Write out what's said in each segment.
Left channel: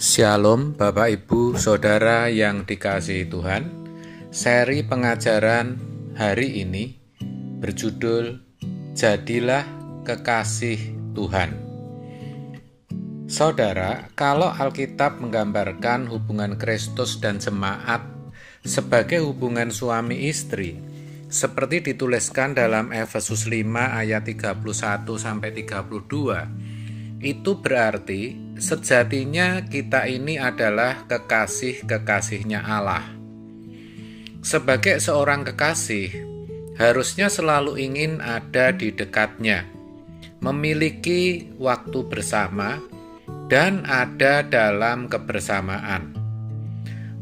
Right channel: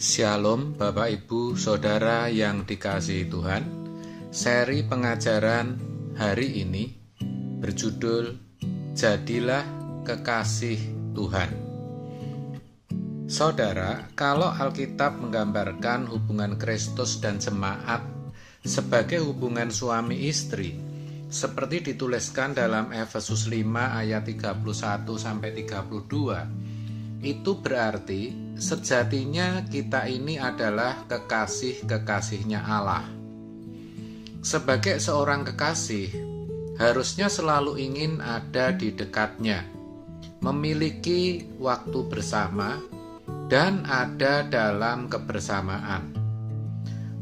Shalom Bapak Ibu Saudara yang dikasihi Tuhan. Seri pengajaran hari ini berjudul Jadilah Kekasih Tuhan. Saudara, kalau Alkitab menggambarkan hubungan Kristus dan jemaat sebagai hubungan suami istri, seperti dituliskan dalam Efesus 5 ayat 31-32, itu berarti sejatinya kita ini adalah kekasih-kekasihnya Allah. Sebagai seorang kekasih, harusnya selalu ingin ada di dekatnya, memiliki waktu bersama, dan ada dalam kebersamaan.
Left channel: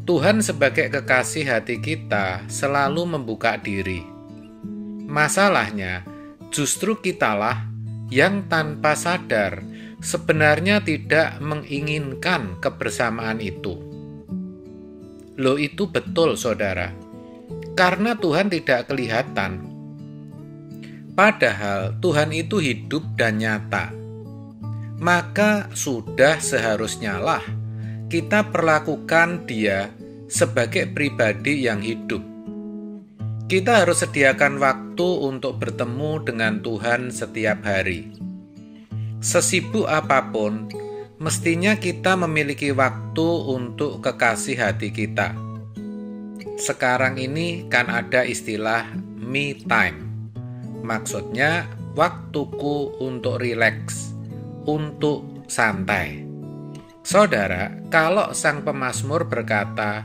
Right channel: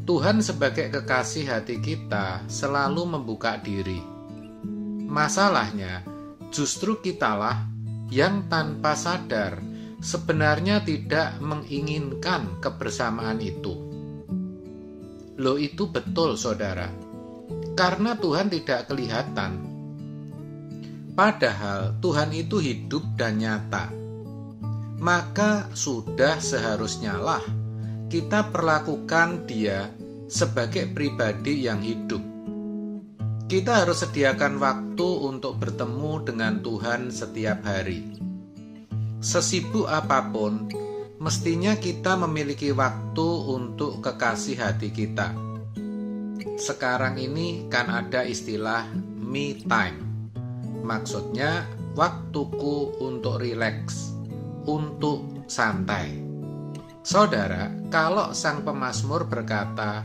Tuhan sebagai kekasih hati kita selalu membuka diri. Masalahnya, justru kitalah yang tanpa sadar sebenarnya tidak menginginkan kebersamaan itu. Loh, itu betul saudara, karena Tuhan tidak kelihatan. Padahal Tuhan itu hidup dan nyata. Maka sudah seharusnya lah kita perlakukan Dia sebagai pribadi yang hidup. Kita harus sediakan waktu untuk bertemu dengan Tuhan setiap hari. Sesibuk apapun, mestinya kita memiliki waktu untuk kekasih hati kita. Sekarang ini kan ada istilah me time. Maksudnya waktuku untuk rileks, untuk santai. Saudara, kalau sang pemazmur berkata,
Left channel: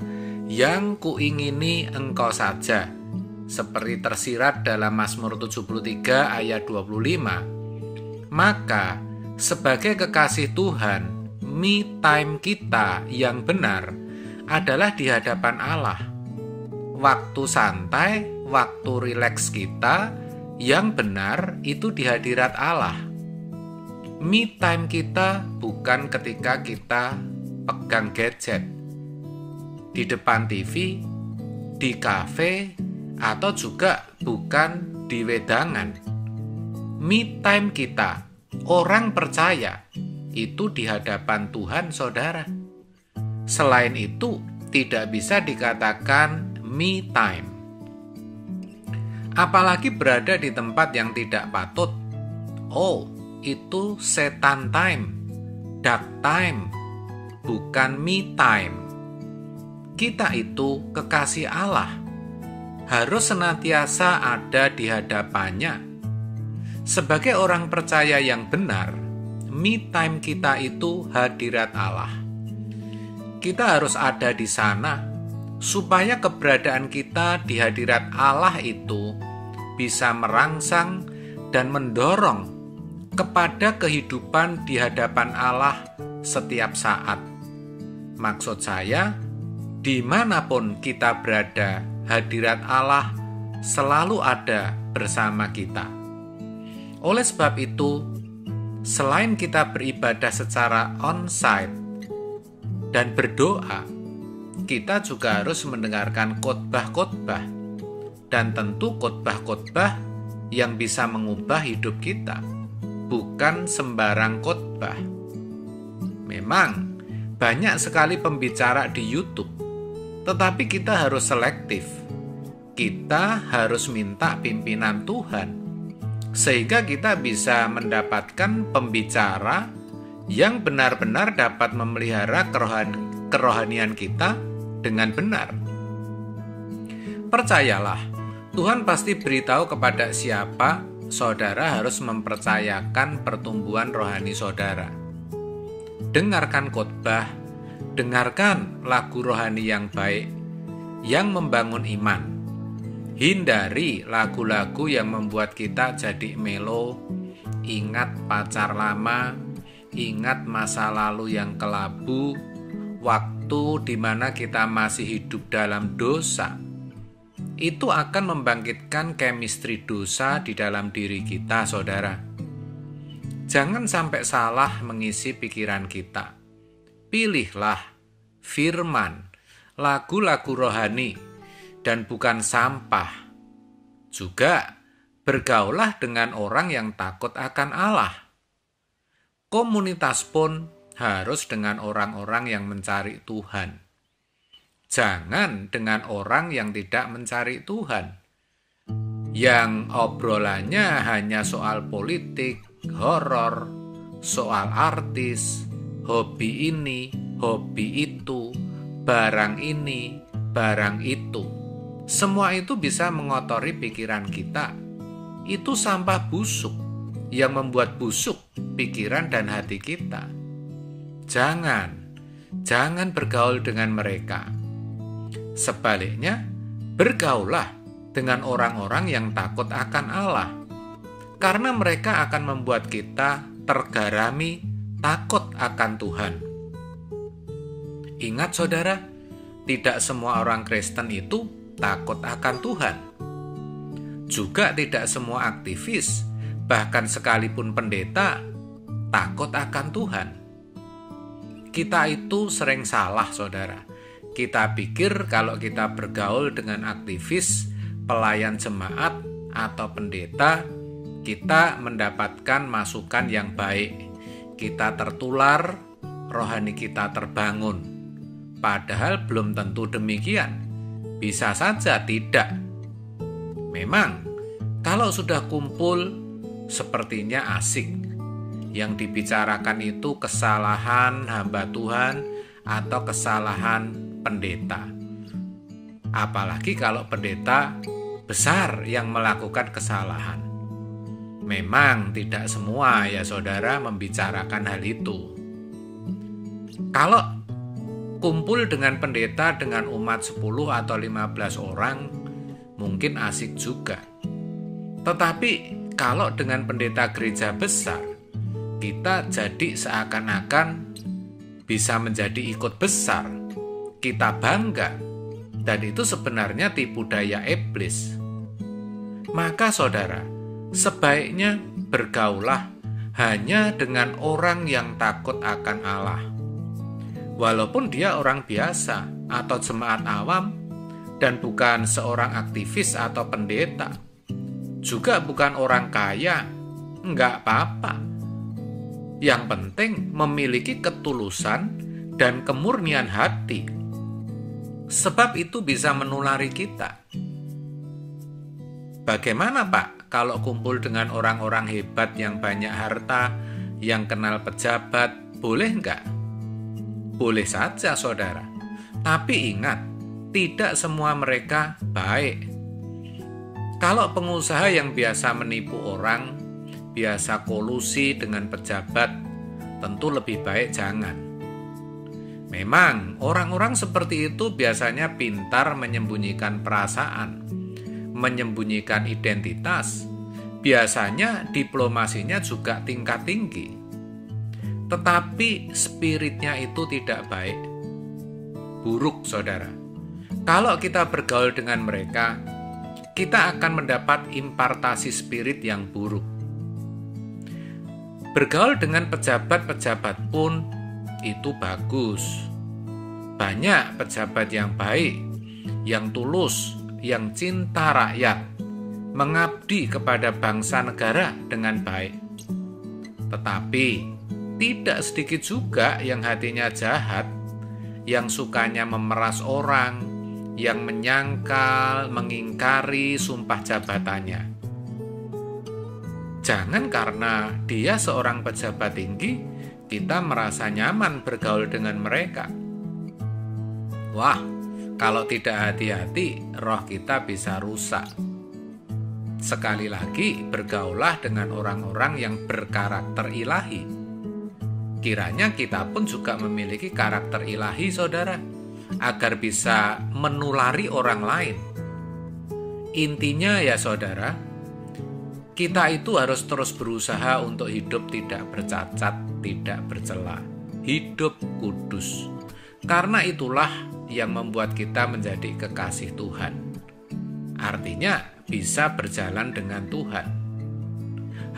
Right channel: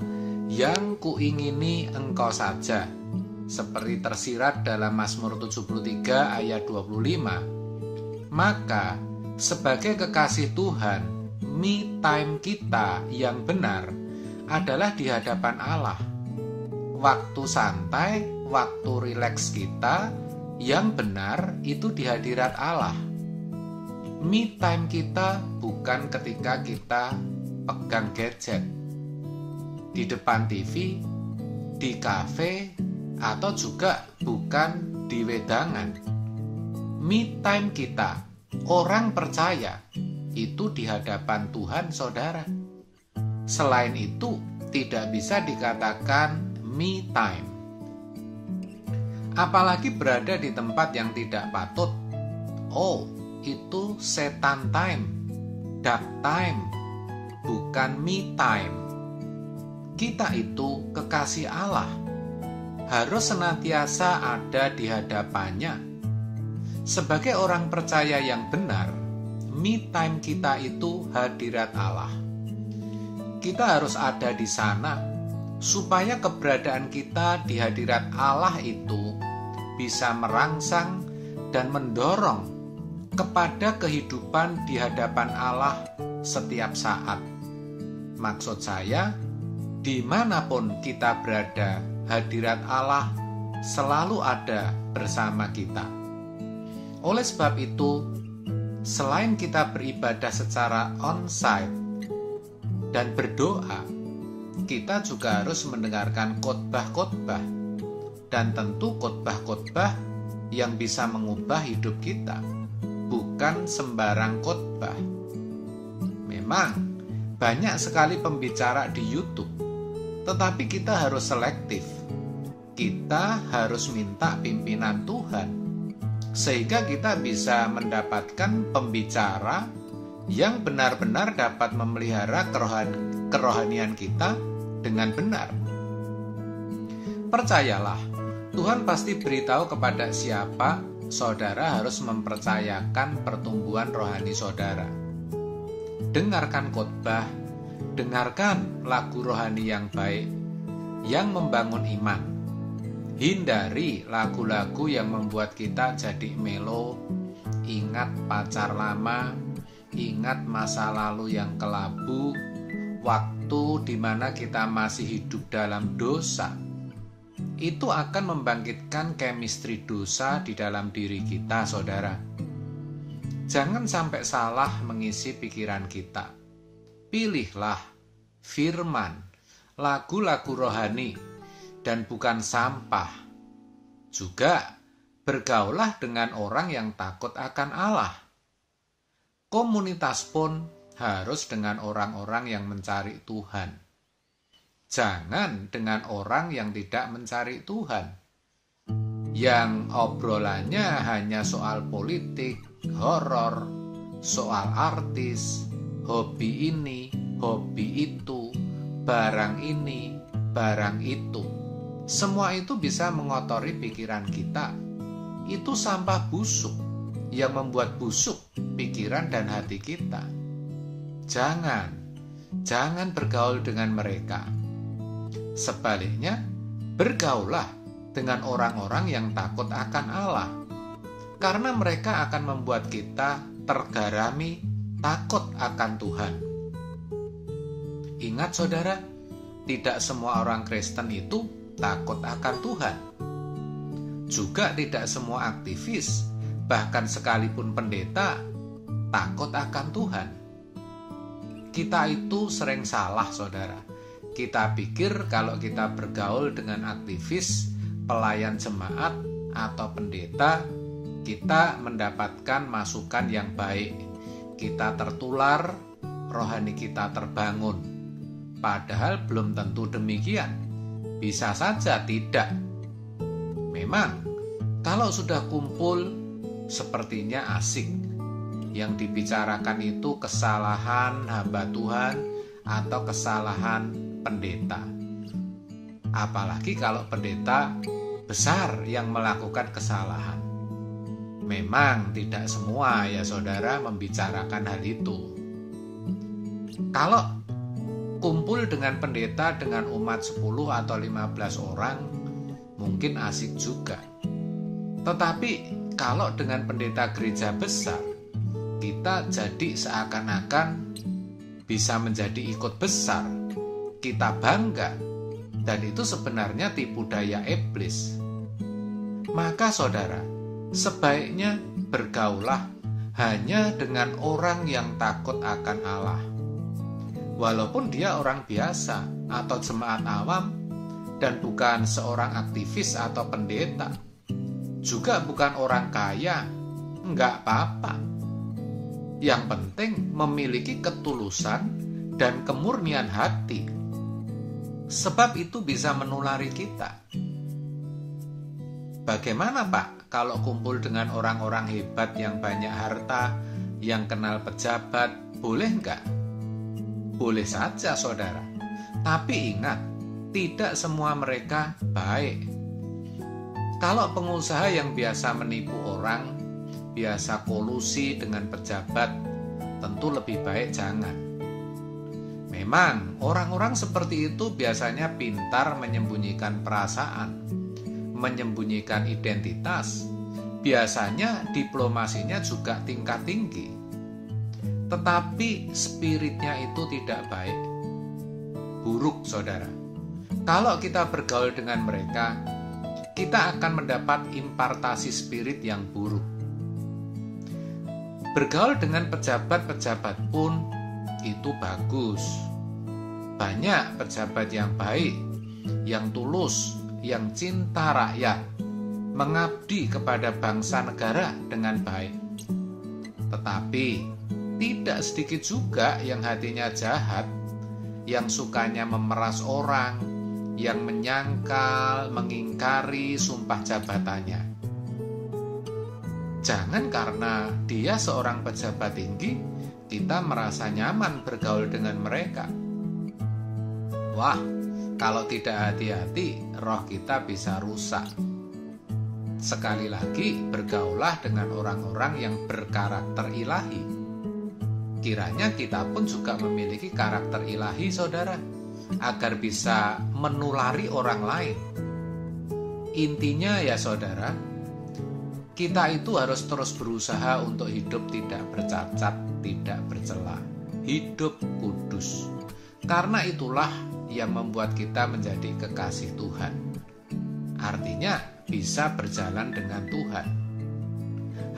"Yang kuingini engkau saja," seperti tersirat dalam Mazmur 73 ayat 25, maka sebagai kekasih Tuhan, me time kita yang benar adalah di hadapan Allah. Waktu santai, waktu rileks kita yang benar itu di hadirat Allah. Me time kita bukan ketika kita pegang gadget, di depan TV, di kafe, atau juga bukan di wedangan. Me time kita, orang percaya, itu di hadapan Tuhan saudara. Selain itu, tidak bisa dikatakan me time. Apalagi berada di tempat yang tidak patut. Oh, itu setan time, dark time, bukan me time. Kita itu kekasih Allah, harus senantiasa ada di hadapannya. Sebagai orang percaya yang benar, me time kita itu hadirat Allah. Kita harus ada di sana, supaya keberadaan kita di hadirat Allah itu bisa merangsang dan mendorong kepada kehidupan di hadapan Allah setiap saat. Maksud saya, dimanapun kita berada, hadirat Allah selalu ada bersama kita. Oleh sebab itu, selain kita beribadah secara on-site dan berdoa, kita juga harus mendengarkan khotbah-khotbah, dan tentu khotbah-khotbah yang bisa mengubah hidup kita, bukan sembarang khotbah. Memang banyak sekali pembicara di YouTube, tetapi kita harus selektif. Kita harus minta pimpinan Tuhan, sehingga kita bisa mendapatkan pembicara yang benar-benar dapat memelihara kerohanian kita dengan benar. Percayalah, Tuhan pasti beritahu kepada siapa saudara harus mempercayakan pertumbuhan rohani saudara. Dengarkan khotbah, dengarkan lagu rohani yang baik, yang membangun iman. Hindari lagu-lagu yang membuat kita jadi melo, ingat pacar lama, ingat masa lalu yang kelabu, waktu di mana kita masih hidup dalam dosa. Itu akan membangkitkan chemistry dosa di dalam diri kita, saudara. Jangan sampai salah mengisi pikiran kita. Pilihlah firman, lagu-lagu rohani, dan bukan sampah. Juga bergaulah dengan orang yang takut akan Allah. Komunitas pun harus dengan orang-orang yang mencari Tuhan. Jangan dengan orang yang tidak mencari Tuhan, yang obrolannya hanya soal politik, horor, soal artis, hobi ini, hobi itu, barang ini, barang itu. Semua itu bisa mengotori pikiran kita. Itu sampah busuk yang membuat busuk pikiran dan hati kita. Jangan bergaul dengan mereka. Sebaliknya, bergaullah dengan orang-orang yang takut akan Allah, karena mereka akan membuat kita tergarami takut akan Tuhan. Ingat saudara, tidak semua orang Kristen itu takut akan Tuhan. Juga tidak semua aktivis, bahkan sekalipun pendeta, takut akan Tuhan. Kita itu sering salah, saudara. Kita pikir kalau kita bergaul dengan aktivis, pelayan jemaat, atau pendeta, kita mendapatkan masukan yang baik. Kita tertular, rohani kita terbangun. Padahal belum tentu demikian. Bisa saja tidak. Memang, kalau sudah kumpul, sepertinya asik. Yang dibicarakan itu kesalahan hamba Tuhan atau kesalahan pendeta. Apalagi kalau pendeta besar yang melakukan kesalahan. Memang tidak semua ya saudara membicarakan hal itu. Kalau kumpul dengan pendeta dengan umat 10 atau 15 orang, mungkin asik juga. Tetapi kalau dengan pendeta gereja besar, kita jadi seakan-akan bisa menjadi ikut besar. Kita bangga, dan itu sebenarnya tipu daya iblis. Maka saudara, sebaiknya bergaulah hanya dengan orang yang takut akan Allah. Walaupun dia orang biasa atau jemaat awam, dan bukan seorang aktivis atau pendeta, juga bukan orang kaya, enggak apa-apa. Yang penting memiliki ketulusan dan kemurnian hati. Sebab itu bisa menulari kita. Bagaimana Pak kalau kumpul dengan orang-orang hebat yang banyak harta, yang kenal pejabat, boleh enggak? Boleh saja saudara. Tapi ingat, tidak semua mereka baik. Kalau pengusaha yang biasa menipu orang, biasa kolusi dengan pejabat, tentu lebih baik jangan. Memang orang-orang seperti itu biasanya pintar menyembunyikan perasaan, menyembunyikan identitas. Biasanya diplomasinya juga tingkat tinggi. Tetapi spiritnya itu tidak baik. Buruk saudara. Kalau kita bergaul dengan mereka, kita akan mendapat impartasi spirit yang buruk. Bergaul dengan pejabat-pejabat pun itu bagus. Banyak pejabat yang baik, yang tulus, yang cinta rakyat, mengabdi kepada bangsa negara dengan baik. Tetapi tidak sedikit juga yang hatinya jahat, yang sukanya memeras orang, yang menyangkal, mengingkari sumpah jabatannya. Jangan karena dia seorang pejabat tinggi, kita merasa nyaman bergaul dengan mereka. Wah, kalau tidak hati-hati, roh kita bisa rusak. Sekali lagi, bergaulah dengan orang-orang yang berkarakter ilahi. Kiranya kita pun juga memiliki karakter ilahi, saudara, agar bisa menulari orang lain. Intinya ya saudara, kita itu harus terus berusaha untuk hidup tidak bercacat, tidak bercela, hidup kudus. Karena itulah yang membuat kita menjadi kekasih Tuhan. Artinya bisa berjalan dengan Tuhan.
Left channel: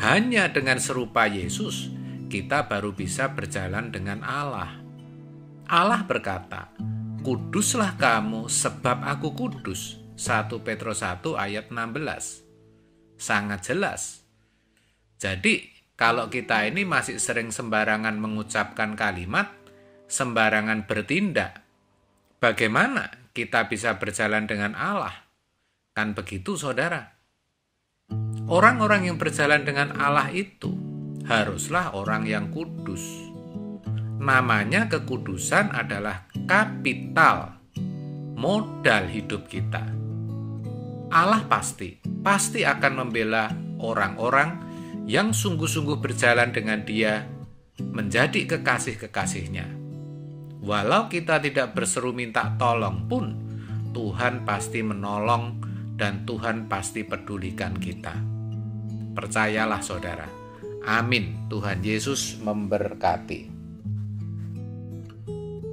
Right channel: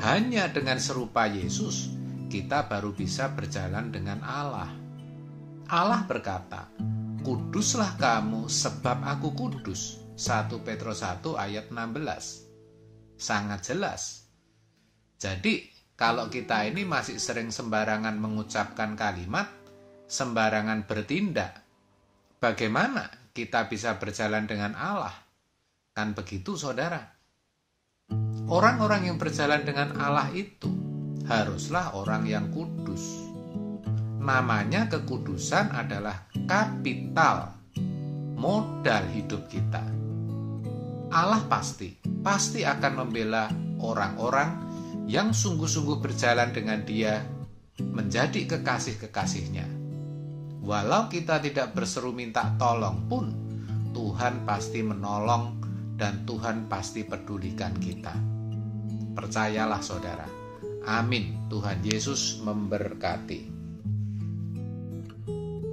Hanya dengan serupa Yesus, kita baru bisa berjalan dengan Allah. Allah berkata, "Kuduslah kamu sebab aku kudus." 1 Petrus 1 ayat 16. Sangat jelas. Jadi kalau kita ini masih sering sembarangan mengucapkan kalimat, sembarangan bertindak, bagaimana kita bisa berjalan dengan Allah? Kan begitu, saudara. Orang-orang yang berjalan dengan Allah itu haruslah orang yang kudus. Namanya kekudusan adalah kapital, modal hidup kita. Allah pasti akan membela orang-orang yang sungguh-sungguh berjalan dengan Dia menjadi kekasih-kekasihnya. Walau kita tidak berseru minta tolong pun, Tuhan pasti menolong dan Tuhan pasti pedulikan kita. Percayalah, saudara. Amin. Tuhan Yesus memberkati.